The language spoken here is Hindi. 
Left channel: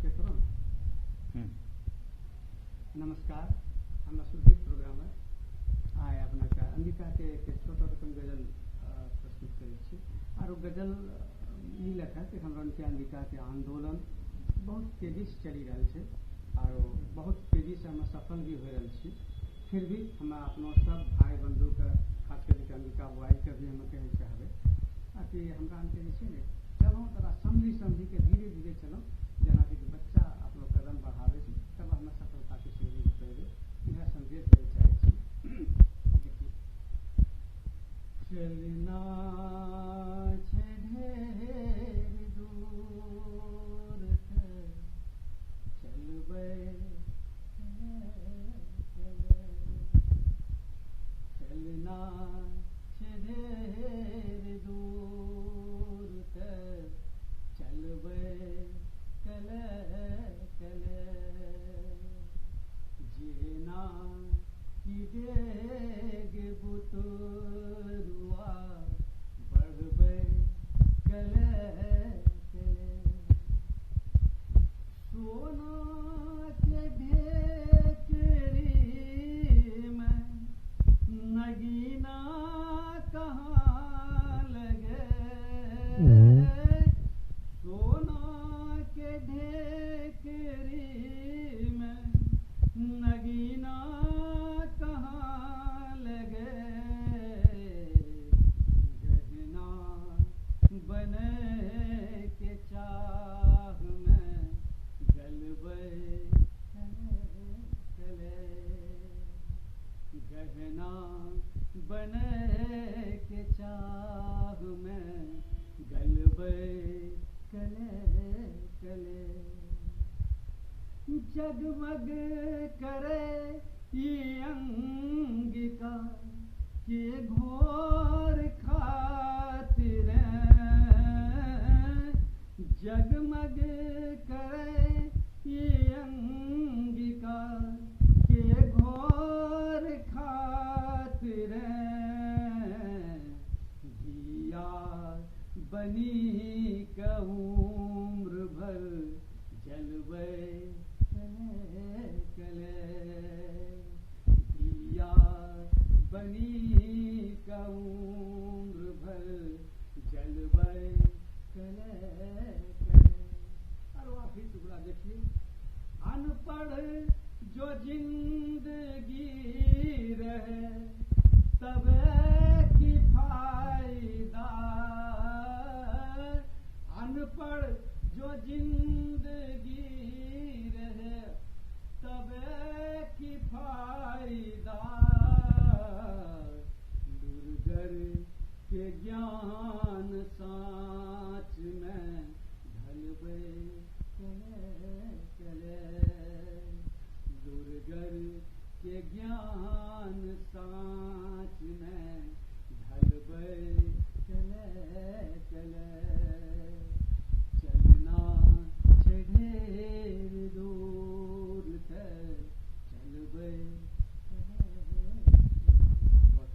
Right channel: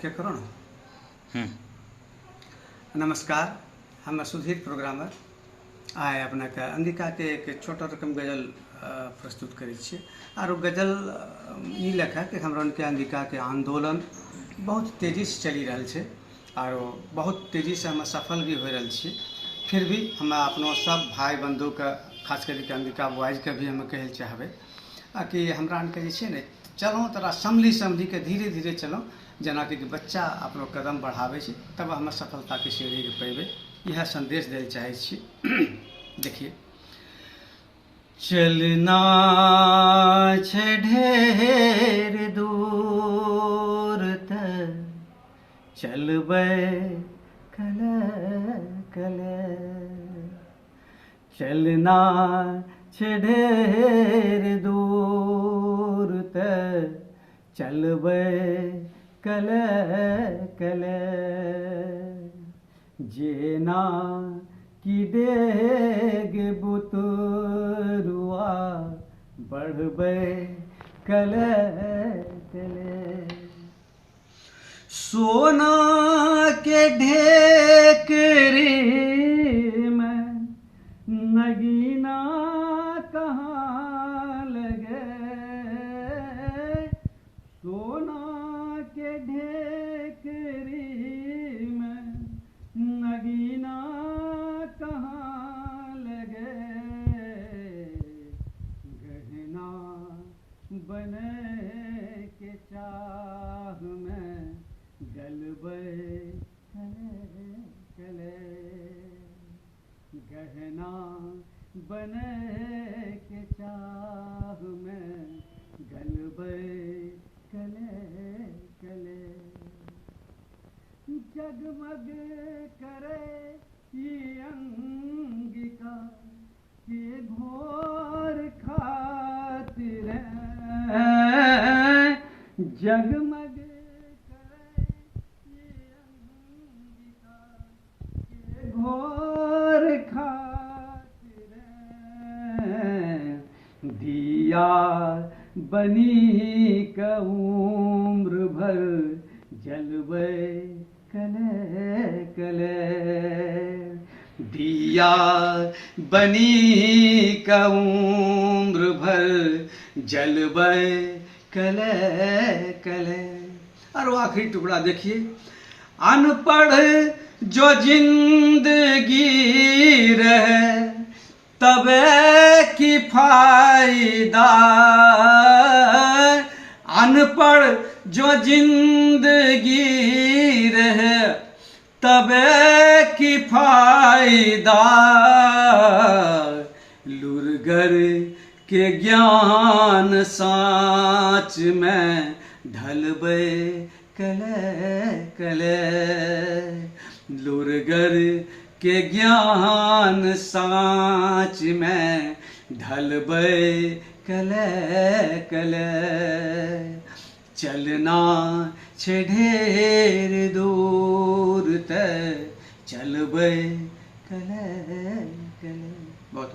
ओके करो ना। हम्म। नमस्कार, हम सुधीर प्रोग्रामर आए अपना के अंगिका के एक छोटा रकम गजल प्रस्तुत करै छियै। और गजल ई लेखा कि हमरा के अंगिका के आंदोलन बहुत तेजी से चली रहल छै और बहुत तेजी से हम सफल भी हो रहल छियै। फिर भी हम अपनो सब भाई बंधु के खास करके अंगिका बॉयज के भी हम कहल चाहबै कि हमरा के जे छै ने चलो तोरा संभली के धीरे धीरे चलो, जना कि बच्चा अपनो कदम बढ़ावे छै तब हम सफलता के सीढ़ी पे पेबे। यह संदेश देल चाहे छी। देखिए, चलना छै ढेर दूर तक चलबै कले कले, चलना छै ढेर दूर तक चलबै कले कले, जेना कि डेग बुतरुआ बढ़बै कले कले। सोना के ढेकरी में नगीना कहाँ लगे, सोना के ढेकरी में नगीना कहाँ लगे, गहना बने के चाह में गलबै कले कले, गहना बने के चाह में गलबै कले कले। जगमग करे ये अंगिका के घोर खातिर, जगमग करे ये अंगिका के घोर खातिर, दिया बनी का उम्र भर जलबै कले कले, दिया बनी का उम्र भर जलबै कले कले। और आखिरी टुकड़ा देखिए, अनपढ़ जो जिंदगी रहे तबे की फायदा, अनपढ़ जो जिंदगी रहे तबे की फायदा, लुरगर के ज्ञान साँच में ढलबै कले कले, लुरगर के ज्ञान साँच में ढलबै कले कले, चलना छै ढेर दूर तक चलबै कले कले। बहुत बहुत